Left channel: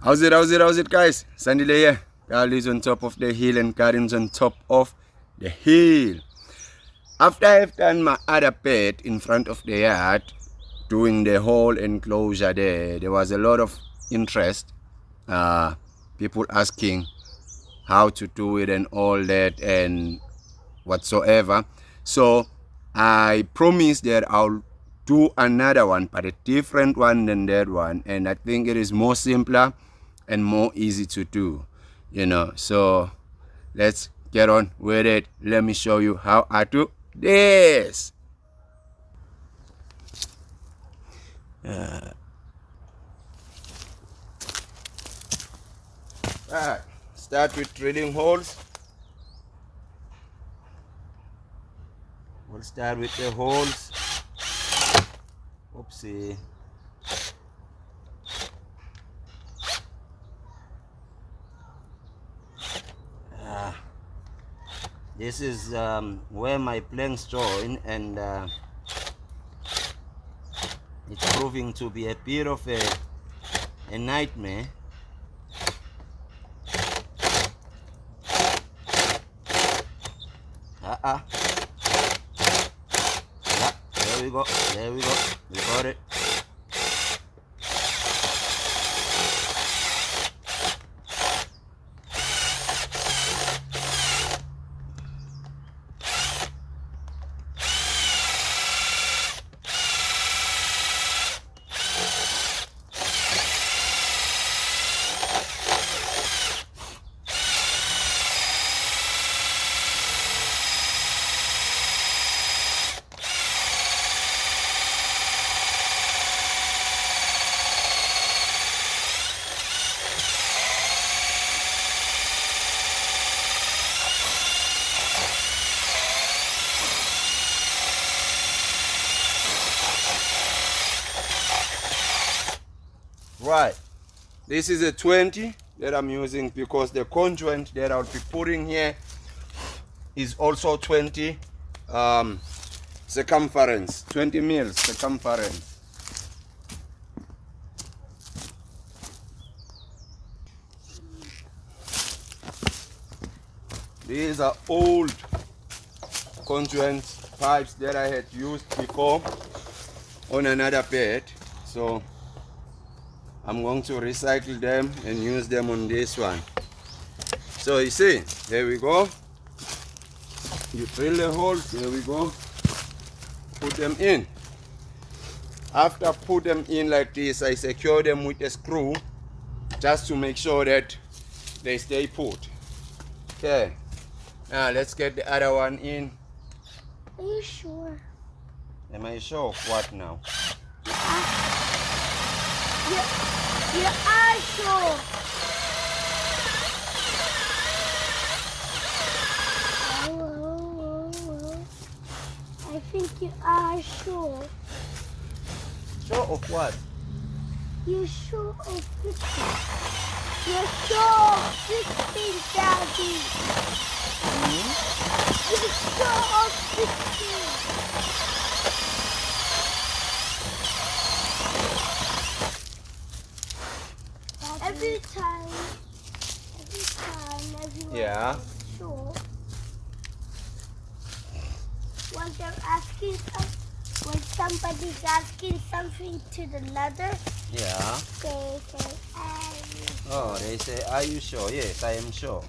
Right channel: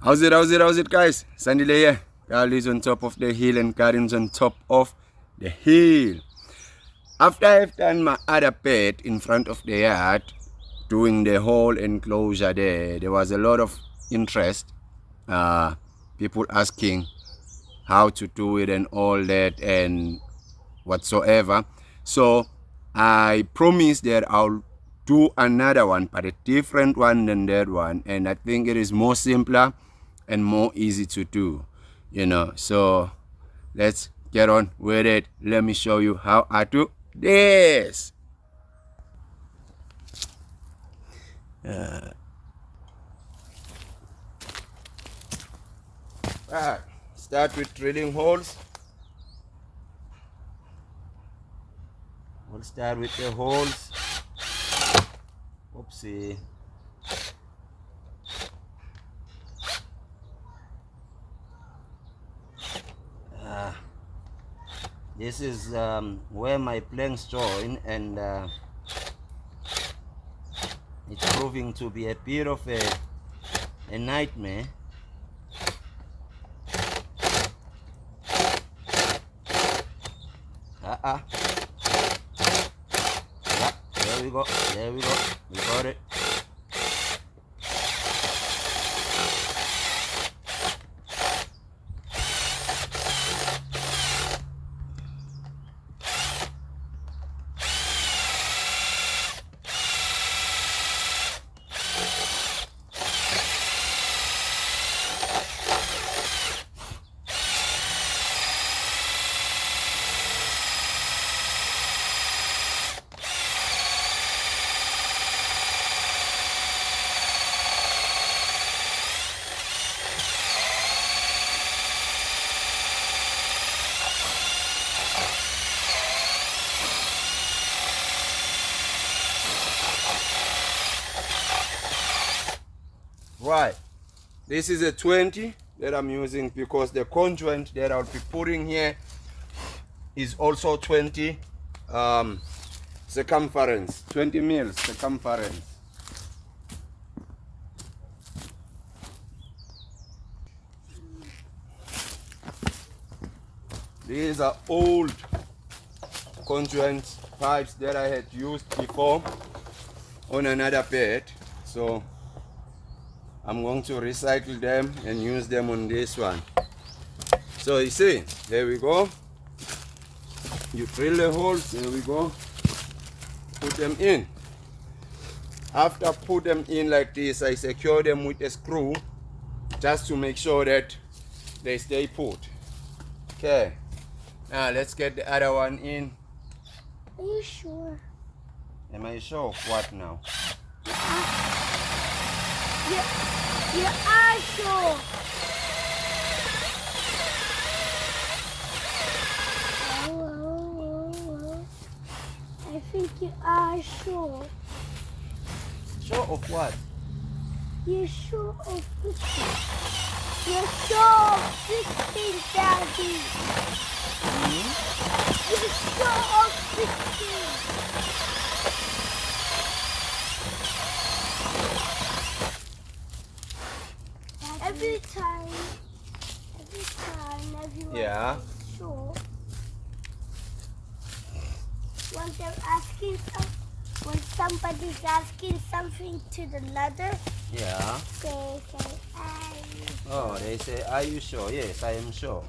How's it, guys? Sandile here. Carl is on top of the hill and Karin's on top of the hill. After I've done my other bed in front of the yard, doing the whole enclosure there was a lot of interest. People asking how to do it and all that and whatsoever. So I promised that I'll do another one, but a different one than that one. And I think it is more simpler and more easy to do, So let's get on with it. Let me show you how I do this. Alright, start with drilling holes. We'll start with the holes. Oopsie. This is where my planks join, and it's proving to be a bit of a nightmare. Yeah, there we go, we got it. Right, this is a 20 that I'm using because the conjoint that I'll be putting here is also 20 circumference, 20 mils circumference. These are old conjoint pipes that I had used before on another bed, so I'm going to recycle them and use them on this one. So you see, here we go. You drill the holes, here we go. Put them in. After put them in like this, I secure them with a screw just to make sure that they stay put. Okay, now let's get the other one in. Are you sure? Am I sure of what now? You are sure. Oh. I think you are sure. Sure of what? You're sure of fixing. You're sure of fixing, Daddy. You're sure of fixing. Every time everyone is sure, when somebody's asking something to another, Yeah. they say, are you sure? Oh, they say, are you sure? Yes, I am sure.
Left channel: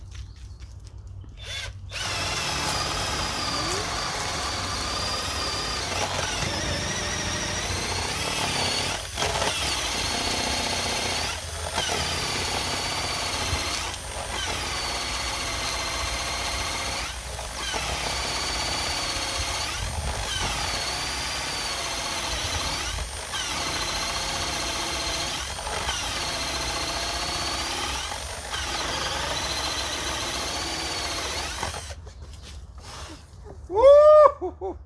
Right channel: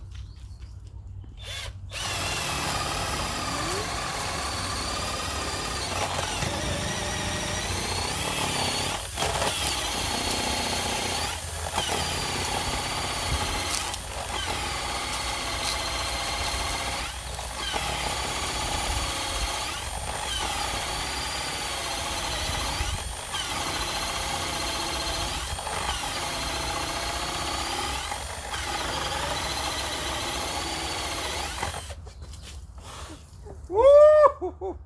Woo!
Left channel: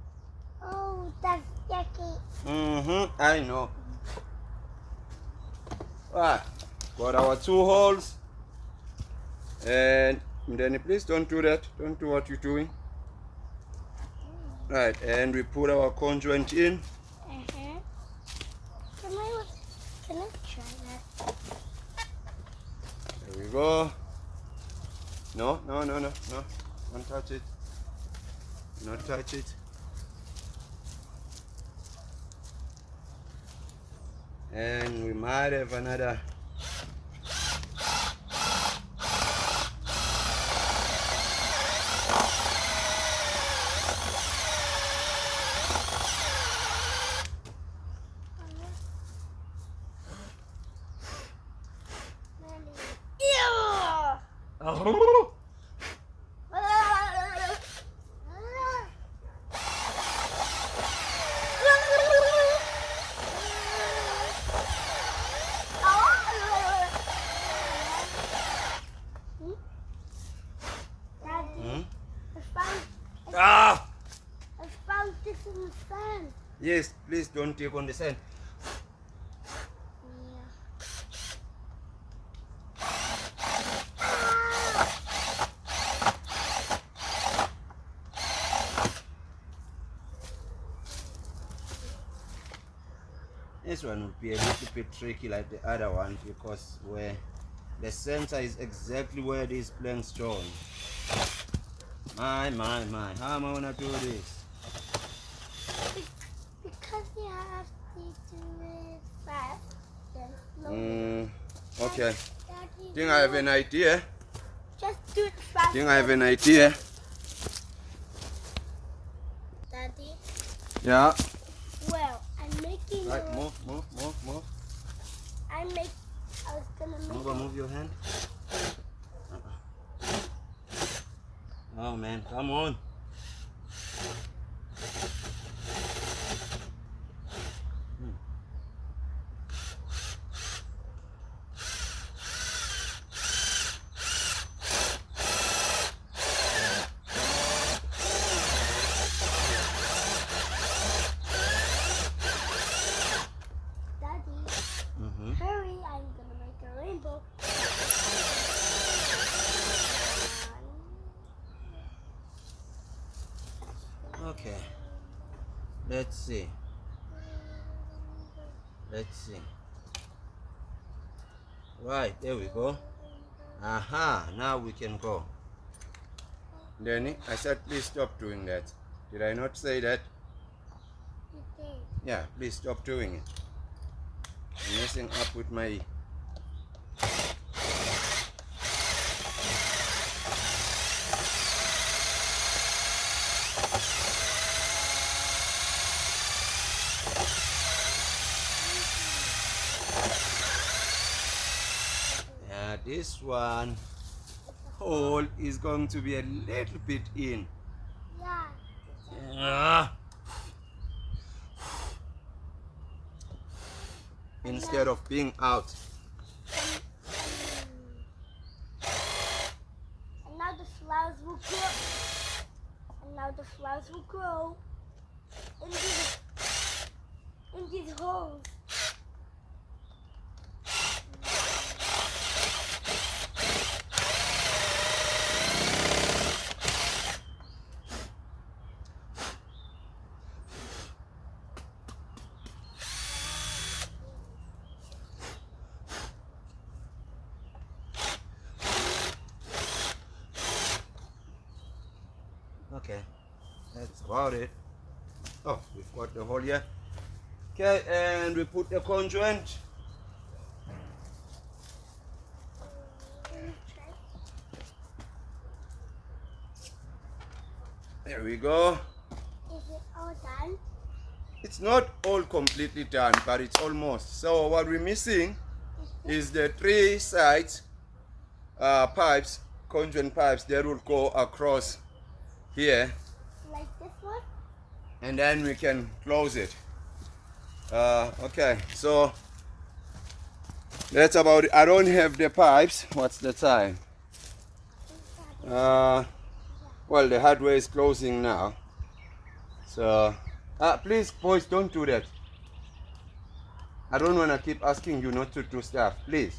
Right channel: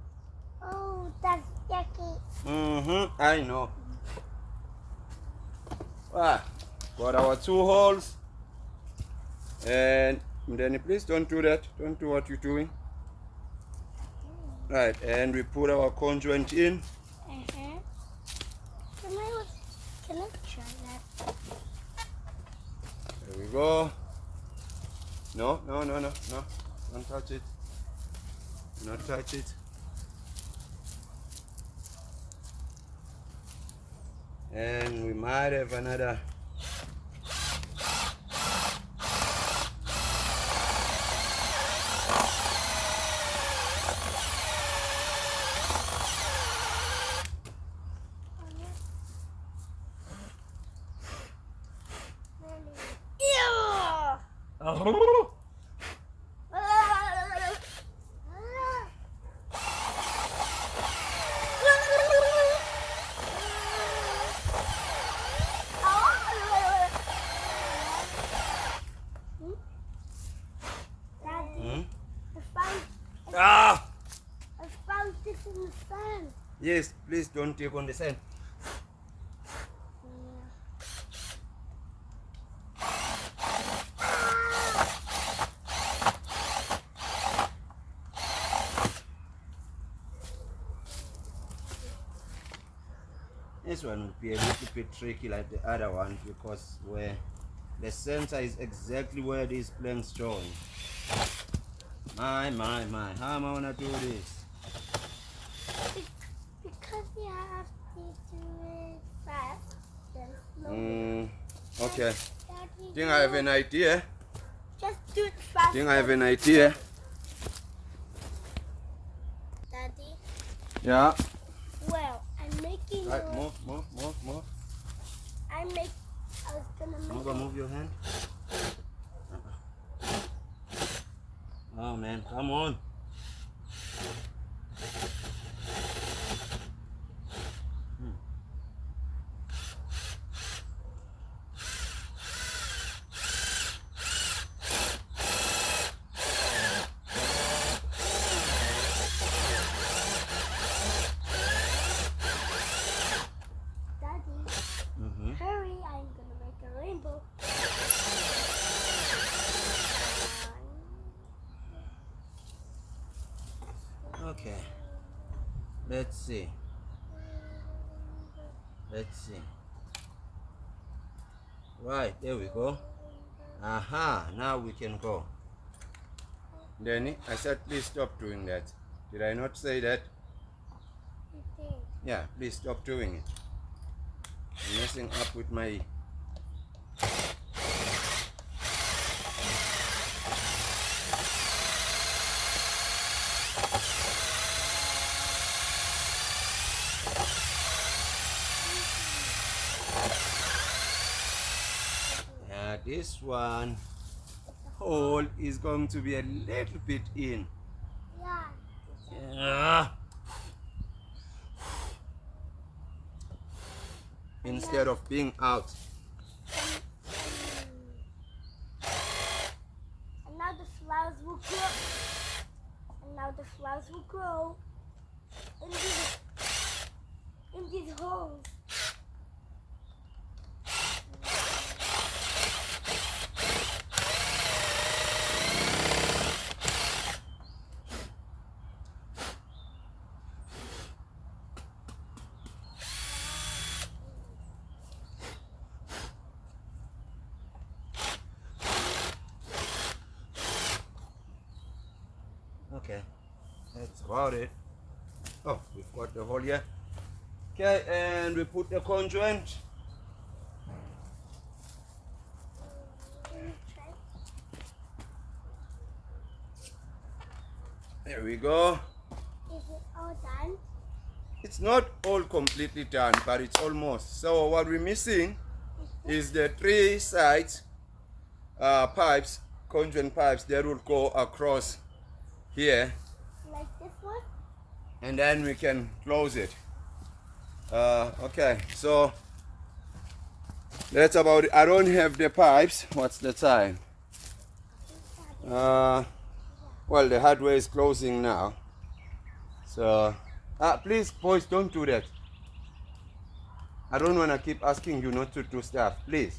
Oh, that's yucky. I know. Right, got our 2 holes. And then please don't do that. Don't do what you're doing. Right, and we put our conjoint in. Can I try that? go. No. Don't touch it. Not touch it. And we might have another. I found this in the sand. Yes, please don't take on the sand. This one will be a little bit tricky like the other one because where the center is exactly where these planks join. My, how am I gonna do this? Because you have to do it fast, then slowly. Okay. Daddy, Think I have an idea. just do it fast. Think I have an idea. Daddy, Yeah. well, I'm making Right, a... move. I was gonna make Move your hand. Oh man, come on. Daddy, hurry, I'm gonna make a rainbow. Okay. Let's see. Right, there we go. Aha, now we can go. Danny, I said please stop doing that. Did I not say that? You did. Yeah, please stop doing it. I'm messing up with my... Yeah, this one hole is going to be a little bit in. Yeah. Yeah. Instead of being out. And now the flowers will grow. In these holes. Okay, that's about it. Oh, we've got the hole here. Okay, and we put the conjoint. There we go. Is it all done? It's not all completely done, but it's almost. So what we're missing is the 3 sides pipes, conjoint pipes that will go across here, Like this one? and then we can close it. Okay, so that's about it. I don't have the pipes. What's the time? Well, the hardware is closing now. So, please, boys, don't do that. I don't want to keep asking you not to do stuff. Please.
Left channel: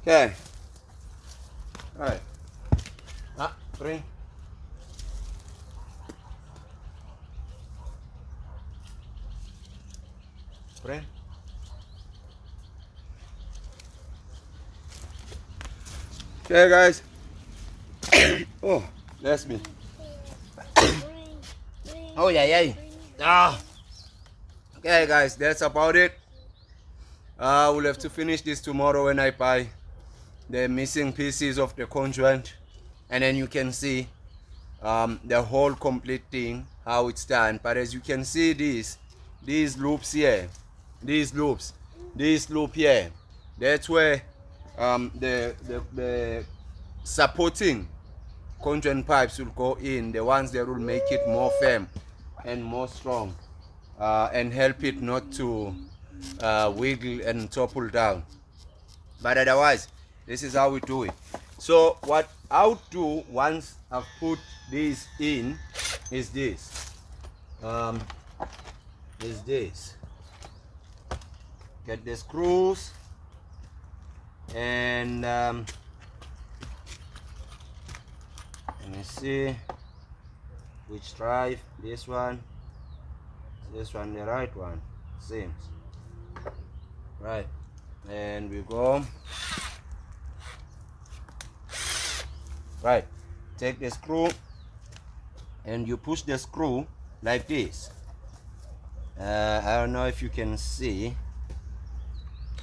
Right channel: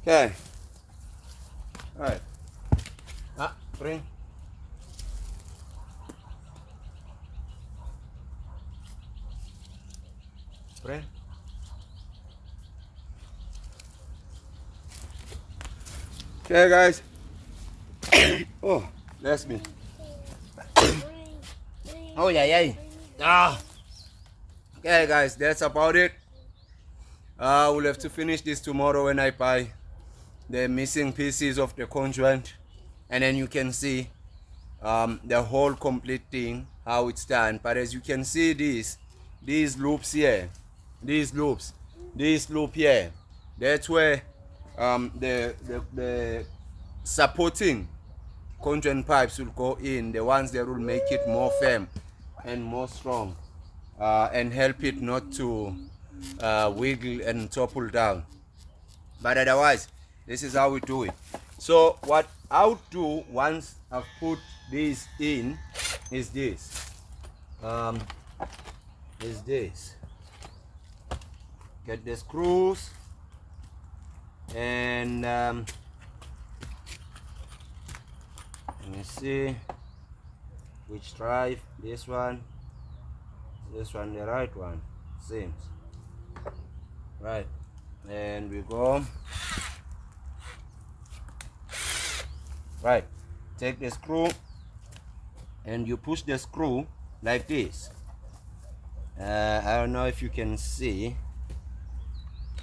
Okay. All right. Bring. Bring. Okay, guys. Oh, bless me. Oh, yeah. Ah. Okay, guys, that's about it. We'll have to finish this tomorrow when I buy the missing pieces of the conjoint, and then you can see the whole complete thing, how it's done. But as you can see, these loops here, this loop here, that's where the supporting conjoint pipes will go in, the ones that will make it more firm and more strong, and help it not to wiggle and topple down. But otherwise, this is how we do it. So what I'll do once I've put this in is this. Get the screws, and let me see which drive. This one, the right one, seems right. And we go right. Take the screw and you push the screw like this. I don't know if you can see.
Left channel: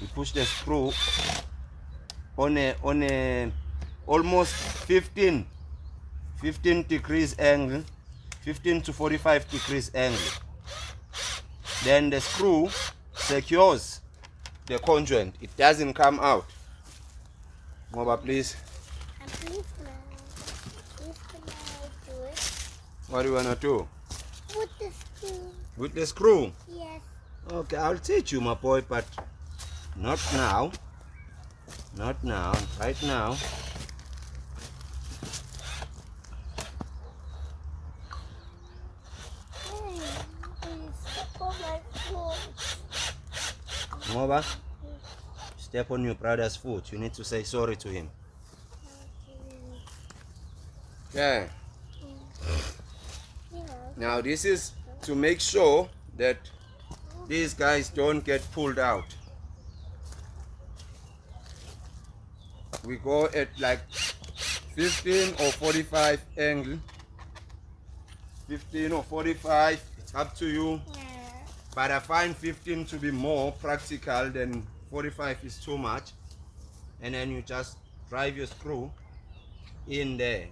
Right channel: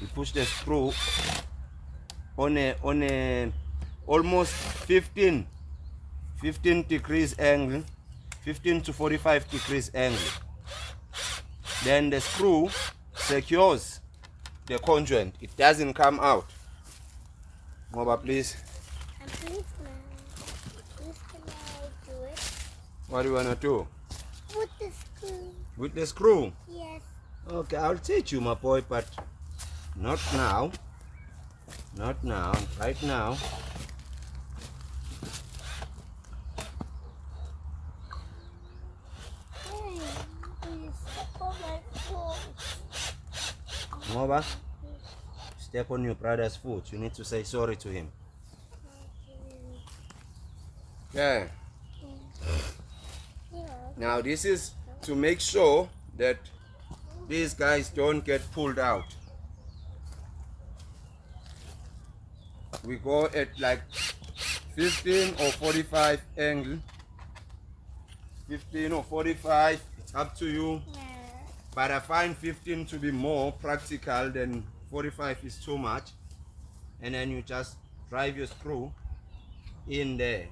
You push the screw on a almost 15 degrees angle, 15 to 45 degrees angle. Then the screw secures the conjoint. It doesn't come out. Moba, please. And please can I do it? What do you want to do? With the screw. With the screw? Yes. Okay, I'll teach you, my boy, but not now. Not now. Right now. Hey, please step on my foot. Moba, step on your brother's foot. You need to say sorry to him. Yeah. Now this is to make sure that these guys don't get pulled out. We go at like 15 or 45 angle. 15 or 45, it's up to you. Yeah. But I find 15 to be more practical than 45 is too much. And then you just drive your screw in there.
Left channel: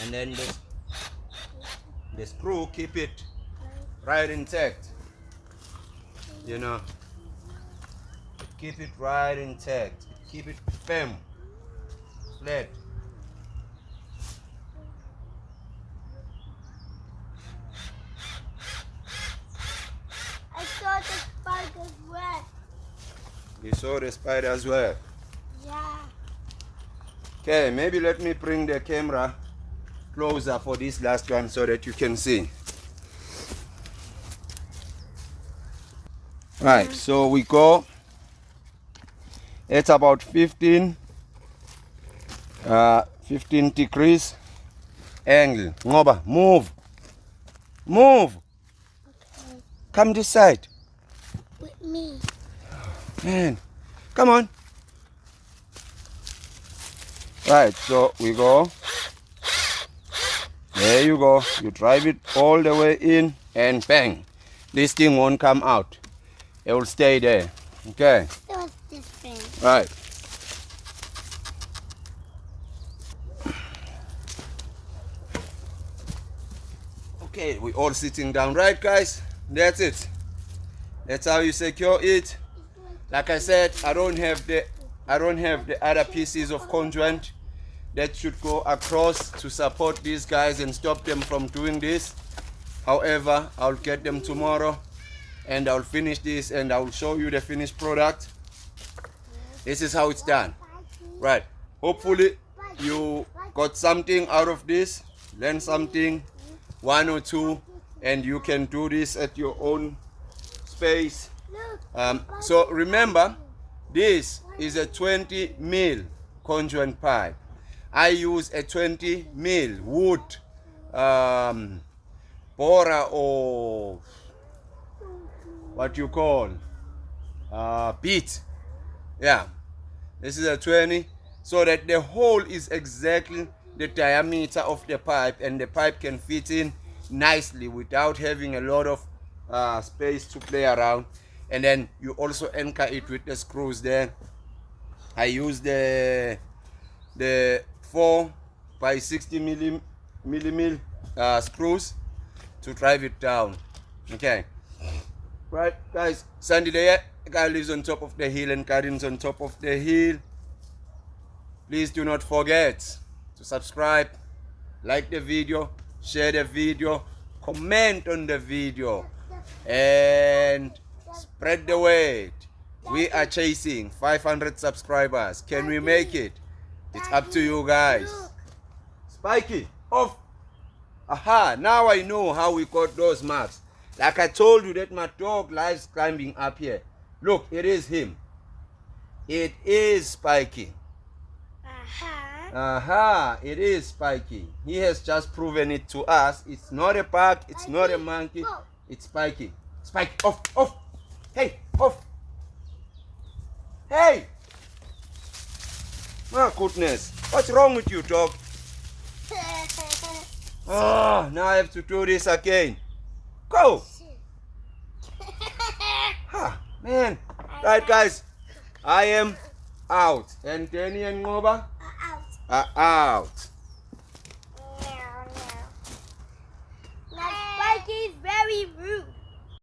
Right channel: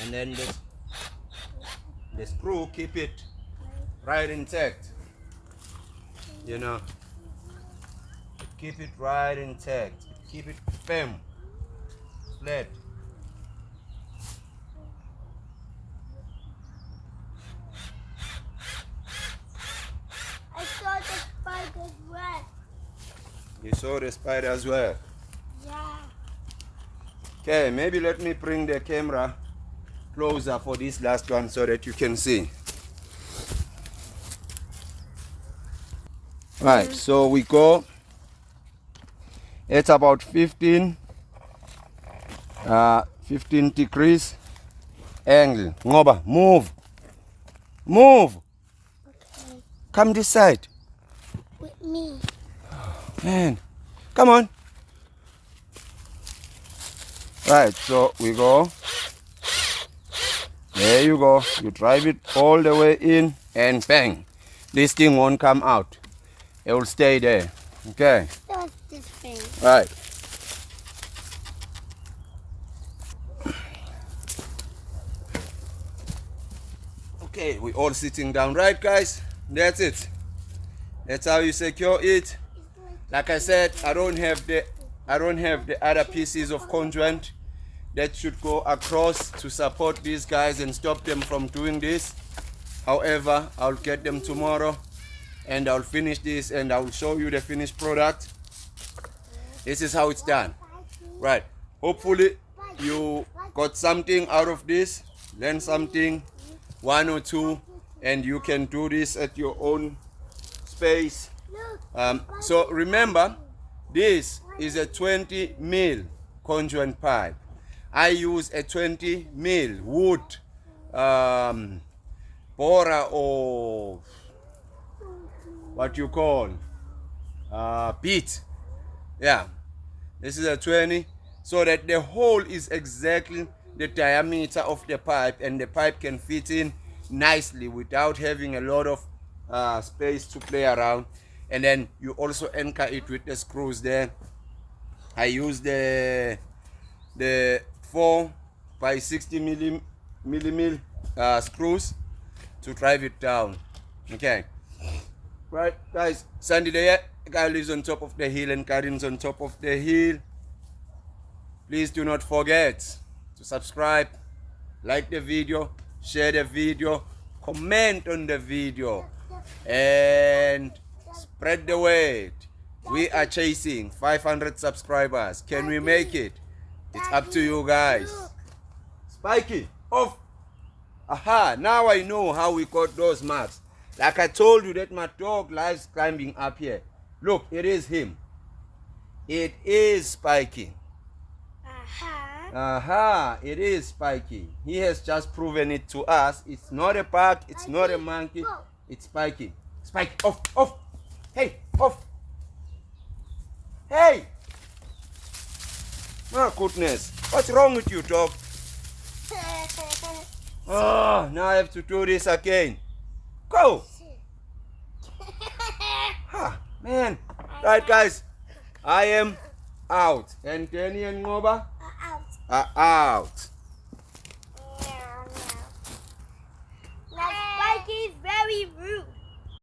And then the screw, keep it right intact. You know, keep it right intact. Keep it firm, flat. I saw the spider's web. You saw the spider as well. Yeah. Okay, maybe let me bring the camera closer for this last one so that you can see. Right, so we go. It's about 15 degrees angle. Ngoba, move. Okay. Come this side. With me. Man, come on. Right, so we go. There you go. You drive it all the way in and bang. This thing won't come out. It will stay there. Okay. What's this thing? Right. Okay, we all sitting down, right, guys? That's it. That's how you secure it. Like I said, I don't have the other pieces of conjoint that should go across to support these guys and stop them from doing this. However, I'll get them tomorrow and I'll finish this and I'll show you the finished product. This is how it's done. Right. Hopefully you got something out of this, learn something, one or two, and you can do this at your own space. So remember, this is a 20 mil conjoint pipe. I use a 20 mil wood borer, or what you call bit. Yeah, this is a 20, so that the hole is exactly the diameter of the pipe, and the pipe can fit in nicely without having a lot of space to play around. And then you also anchor it with the screws there. I use the 4 by 60 millimeter screws to drive it down. Okay, right guys, Sandy there, guy lives on top of the hill and Karin's on top of the hill. Please do not forget to subscribe, like the video, share the video, comment on the video, and spread the word. We are chasing 500 subscribers. Can we make it? It's up to you guys. Spiky, off. Aha, now I know how we got those marks. Like I told you that my dog likes climbing up here. Look, it is him. It is Spiky. Aha, it is Spiky. He has just proven it to us. It's not a bug, it's not a monkey, it's Spiky. Spiky, off, off. Hey, off. Hey! My goodness, what's wrong with you, dog? Oh, now I have to do this again. Go! Ha, man. Right, guys, I am out. And Danny and Ngoba Out. are out.